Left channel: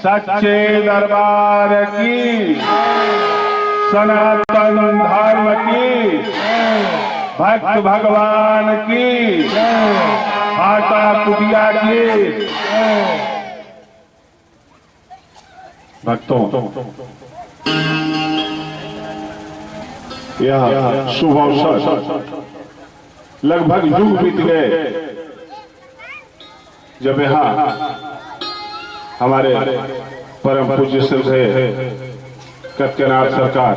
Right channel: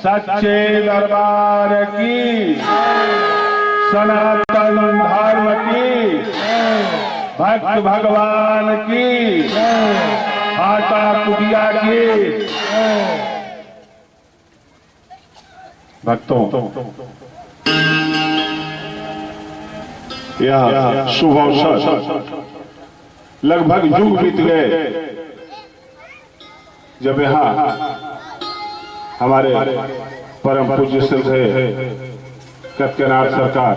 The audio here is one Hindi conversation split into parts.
सच्चे दरबार की, सनातन धर्म की, भक्त भगवान की, हाटा कुटिया की। भक्तों, यह शुभ अवसर लगभग युग बीत गए जब यहाँ हमारे परम पूज्य श्रद्धेय कत्कनाथ सरकार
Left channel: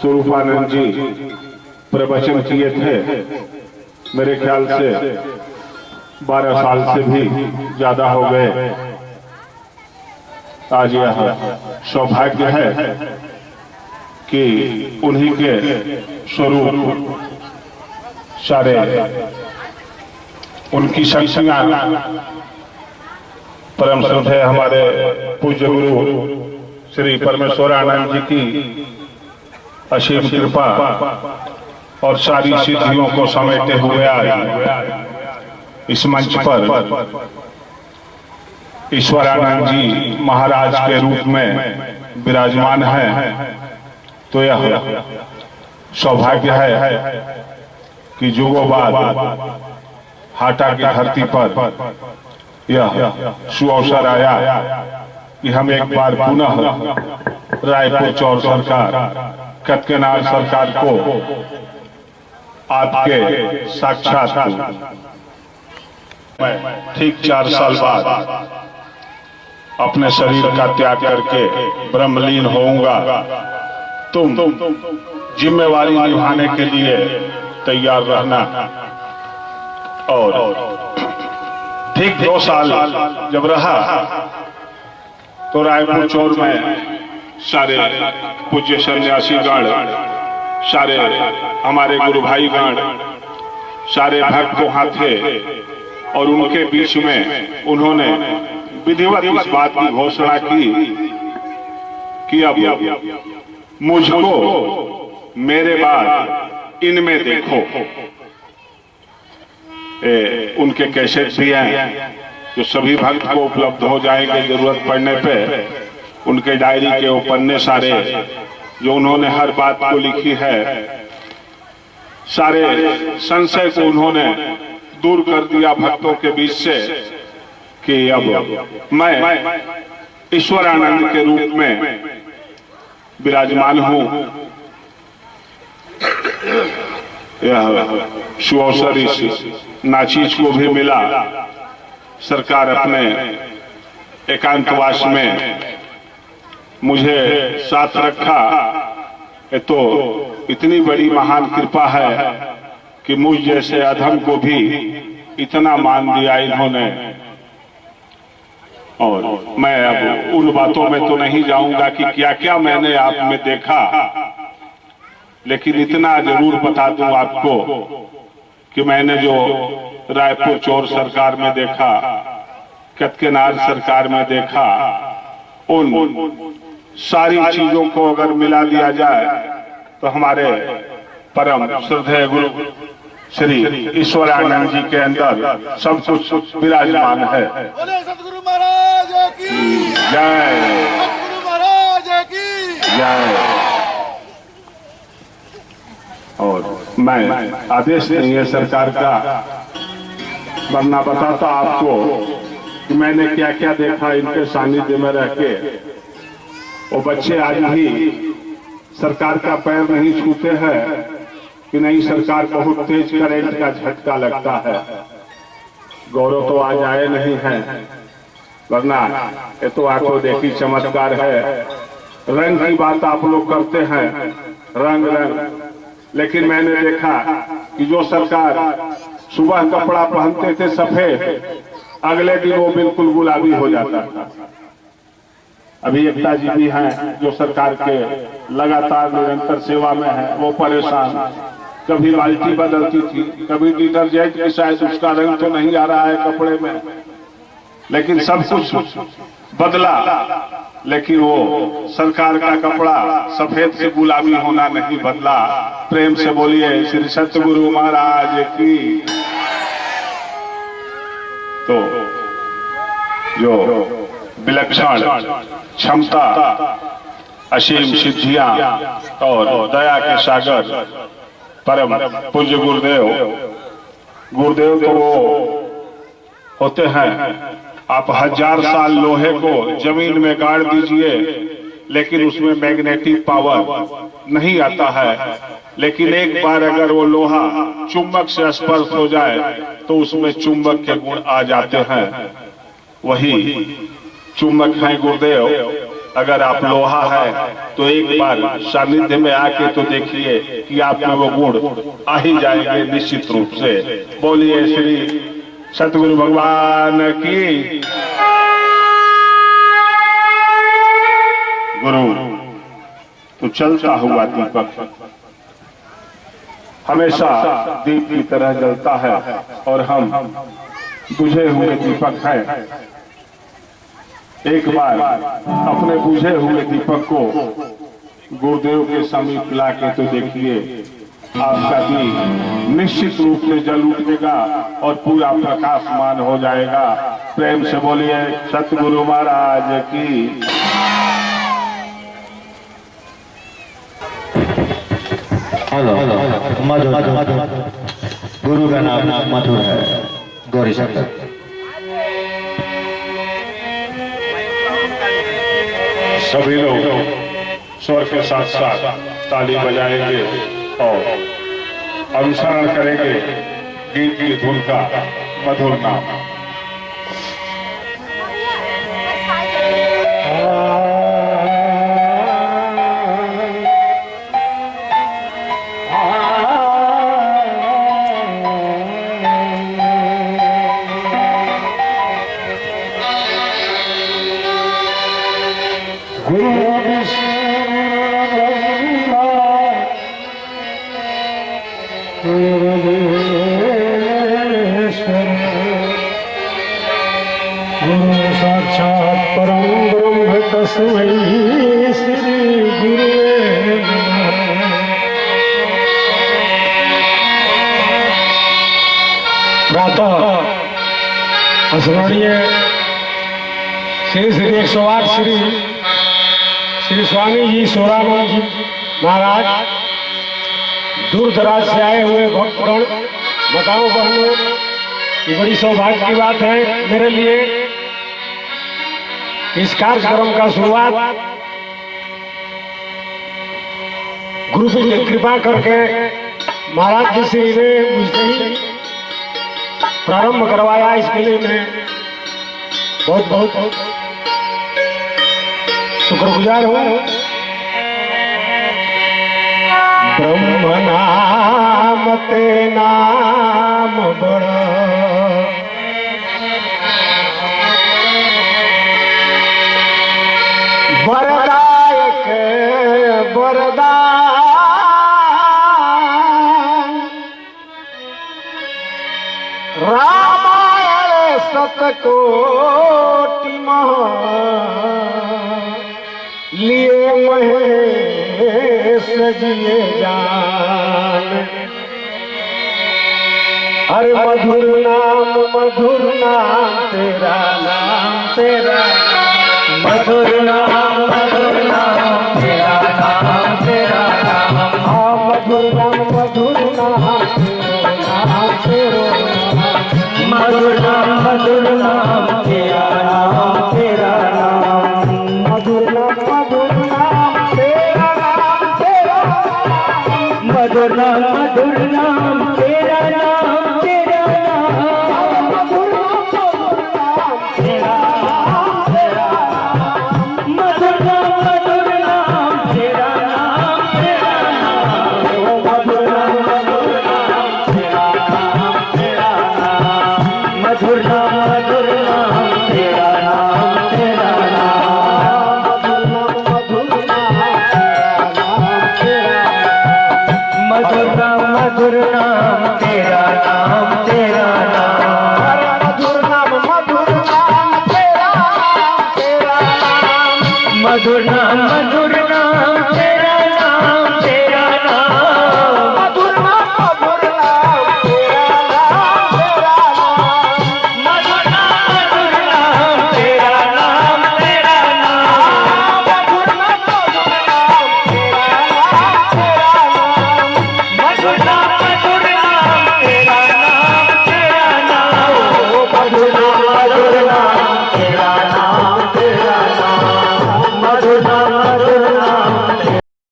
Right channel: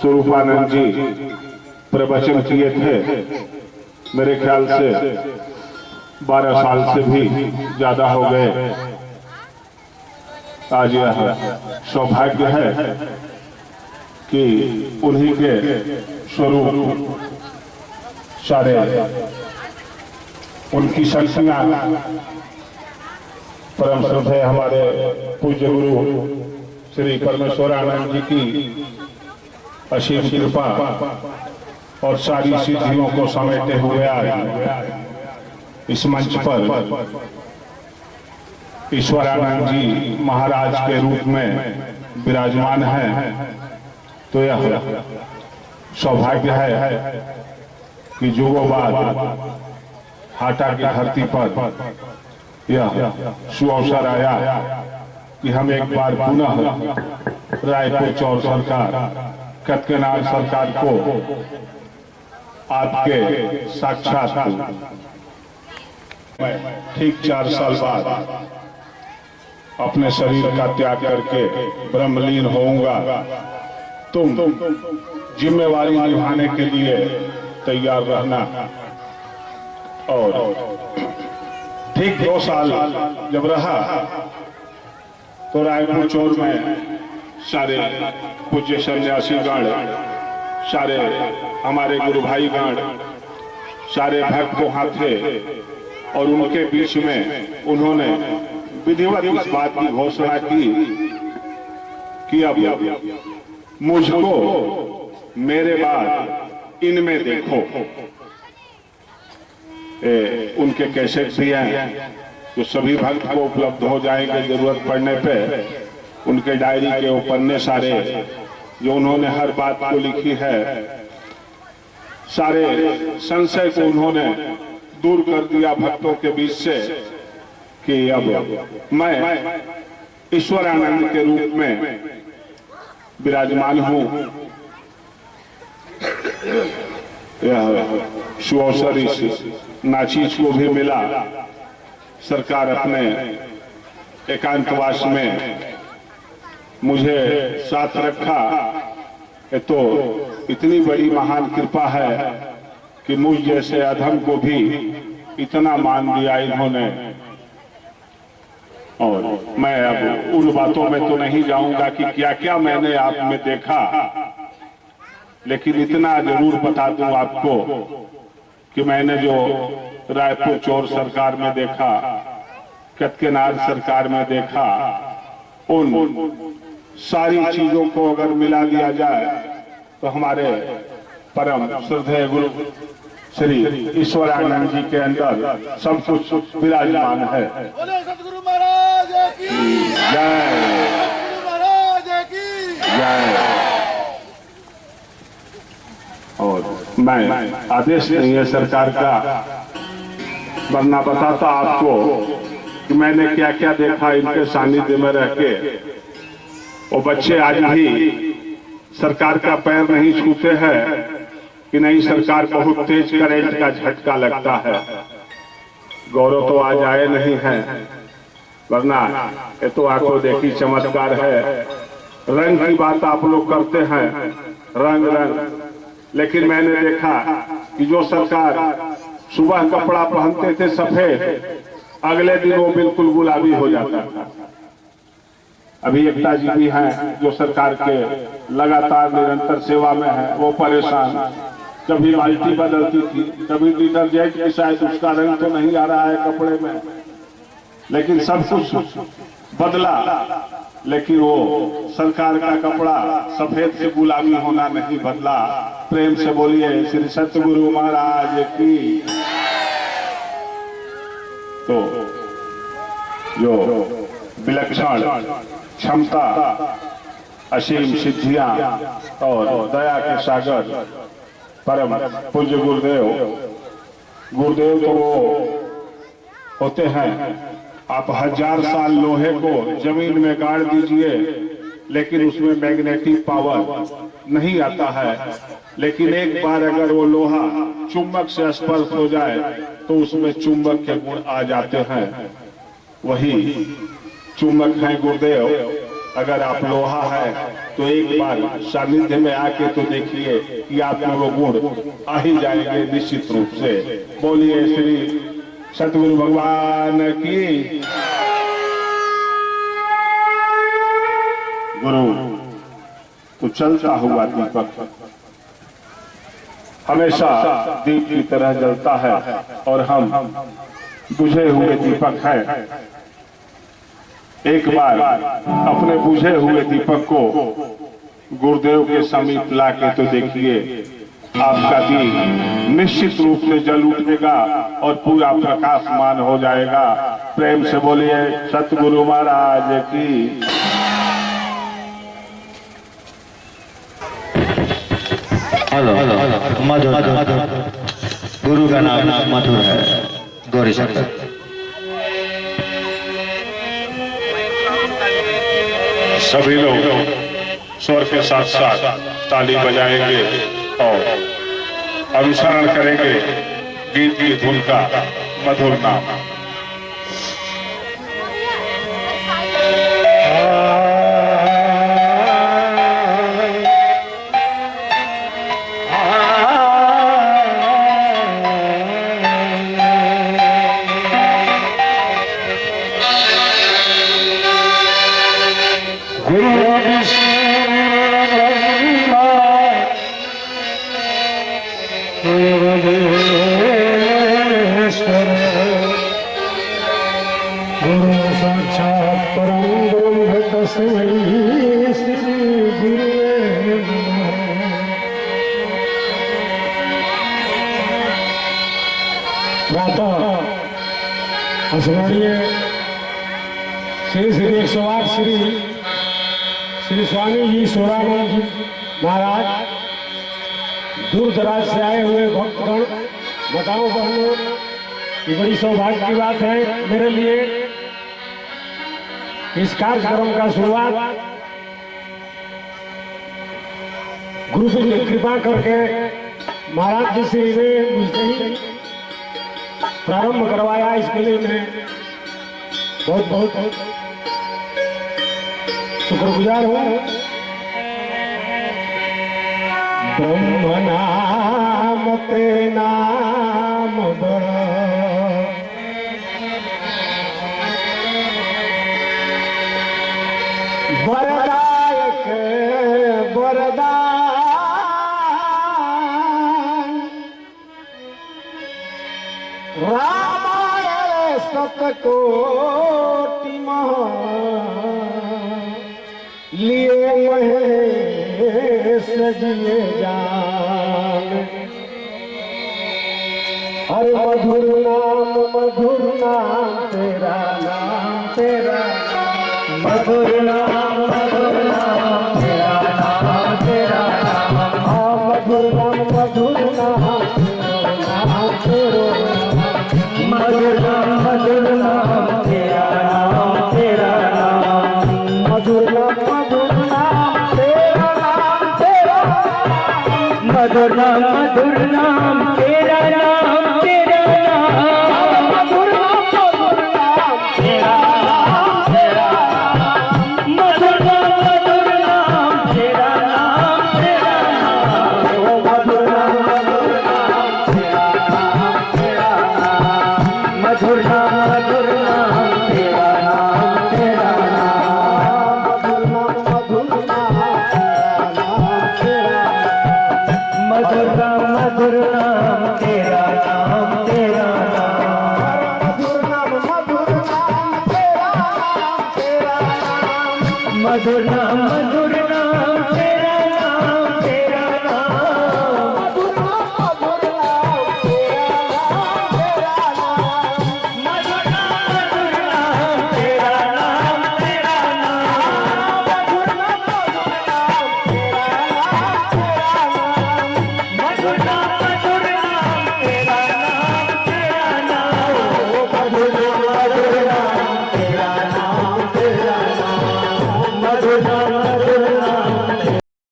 स्वरूपानंद जी प्रवचन किए थे। मेरे ख्याल से 12 साल से भी ज्यादा हो गए। आज यह सौभाग्य है कि उन्हीं के स्वरूप सारे उनकी शक्तियां परम श्रद्धेय हमारे पूज्य गुरु श्री परमेश्वरानंद जी की असीम कृपा और सारी सिद्धियों को समेटे हुए आज इस मंच पर ईश्वरानंद जी महाराज के रूप में विराजमान हैं। तो यह सौभाग्य है कि जुगों बाद हाटा की धरती पर यह सुअवसर आया कि हम एक बार पुनः रायपुर चौर सरकार कत्कनाथ सरकार को आपके साक्षात ठीक 4 साल बाद अपने शरीर का त्याग करके ब्रह्मलीन होऊंगा। तुम जिम्मेवारी निभाने के लिए तैयार रहना। और ठीक 2 साल जब रहा तो रायपुर चौर में सारे पूज्य सन्यासी गण, सारे हमारे गुरु भाई गण, सारे भक्त वहां थे और उनके बीच में उन्होंने विधिवत इस बात की घोषणा की कि अब मुझको मेरे बाद इनमें देखो। उनके कैसेट भी हैं जो सभी भक्त को उपलब्ध हो जाएंगे जरूरत पड़ने पे। उनके डायरी के वो पन्ने सारे जो उन्होंने हर बात को लिखी है, सारे संशय को उन्होंने दूर कर दिया भक्तों के बीच से कि अब मैं ईश्वरानंद के रूप में विराजमान हूं। यह सुअवसर इस नाचीज को भी मिला। सरकार अपने एकांतवास में मुझे साथ रखा। ये तो इतनी बड़ी महान कृपा है कि मुझ जैसे अधम को भी इतना मान दिया इन्होंने। और मैं अब उन बातों में तो नहीं जाऊंगा कि क्या क्या मैंने आप में देखा, लेकिन इतना जरूर बता दूं आपको कि मैंने जो रायपुर चौर सरकार में देखा, कत्कनाथ सरकार में देखा, उन सारी चीजों को अगर मिला दिया जाए तो हमारे परम श्रद्धेय गुरु श्री ईश्वरानंद जी के अंदर सब कुछ विराजमान है। सतगुरु महाराज की जय, सतगुरु महाराज की जय। और मैं आदेश नहीं है सरकार का, वरना बताता आपको कि मैंने क्या क्या देखा इनके सानिध्य में रह के। वो बच्चे आज भी सरकार का पैर नहीं छूते हैं कि नहीं सरकार बहुत तेज करंट का झटका लगता है। गौरव तो आज आए नहीं है, वरना ये तो आंखों देखी चमत्कार है। रंग की बात आप लोग करते हैं, रंग रंग, लेकिन मैंने देखा कि जो सरकार सुबह कपड़ा पहनते थे सफेद, अगले दिन वो बिल्कुल गुलाबी हो जाता था। अभी एकता जी भी हैं जो सरकार के लगातार निरंतर सेवा में है, वो परेशान। कभी बाल्टी बदलती थी, कभी डिटर्जेंट की शायद उसका रंग तो नहीं आ रहा है कपड़े में, लेकिन सब कुछ बदला। लेकिन वो सरकार का कपड़ा सफेद से गुलाबी होना नहीं बदला। प्रेम से बोलिए श्री सतगुरु महाराज की। तो जो विलक्षण क्षमता, असीम सिद्धियां और दया के सागर परम पूज्य गुरुदेव। गुरुदेव तो वो होते हैं, आप 1000 साल लोहे को जमीन में गाड़ दीजिए लेकिन उसमें मैग्नेटिक पावर नहीं आता है, लेकिन एक बार अगर वो लोहा चुंबक से स्पर्श हो जाए तो उसमें चुंबक के गुण आ जाते हैं। वही चुंबक है गुरुदेव। अगर आप लोहा है तो एक बार सानिध्य में आके तो देखिए कि आपके वो गुण आ ही जाएंगे निश्चित रूप से। बोलिए श्री सतगुरु भगवान की। गुरु तो चलता हुआ दीपक हमेशा दीप की तरह जलता है और हम बुझे हुए दीपक हैं। एक बार अपने बुझे हुए दीपक को गुरुदेव के समीप लाके तो देखिए, आपका दीप निश्चित रूप से जल उठेगा और पूरा प्रकाशमान हो जाएगा। प्रेम से बोलिए सतगुरु महाराज की। मधुर गुरु का नाम मधुर है। गौरी शंकर सभी लोग स्वर के साथ साथ ताली बजाएंगे और अनुसरण करेंगे गीत की धुन का मधुर नाम। गुरु साक्षात परम ब्रह्म तस्मै श्री गुरुवे नमः। प्रातः स्मरणीय श्री श्री 108 श्री स्वामी जी सोरानंद जी महाराज, दूर दराज से आए हुए भक्तगण, बताओ बहनों, ये बड़ी सौभाग्य की बात है मेरे लिए। इस कार्यक्रम का शुरुआत गुरु की कृपा करके महाराज जी श्री ने मुझसे ही प्रारंभ करवाया। इसके लिए मैं बहुत बहुत शुक्रगुजार हूँ। ब्रह्म नाम ते नाम बड़ा, वरदायक वरदान, रामायण सतकोटि लिए महेश जिए जान। अरे मधुर नाम तेरा नाम तेरा, मधुर नाम तेरा नाम तेरा नाम। हाँ मधुर नाम तेरा नाम तेरा, मधुर नाम तेरा नाम तेरा नाम। मधुर नाम तेरा नाम तेरा, मधुर नाम तेरा नाम तेरा नाम। मधुर नाम तेरा नाम तेरा, मधुर नाम तेरा नाम तेरा नाम। मधुर नाम तेरा नाम तेरा नाम, मधुर नाम तेरा नाम तेरा नाम। मधुर नाम तेरा नाम तेरा नाम। मधुर नाम तेरा तेरा नाम। मधुर नाम तेरा नाम तेरा नाम। मधुर नाम तेरा नाम तेरा नाम। मधुर नाम तेरा नाम सतगुरु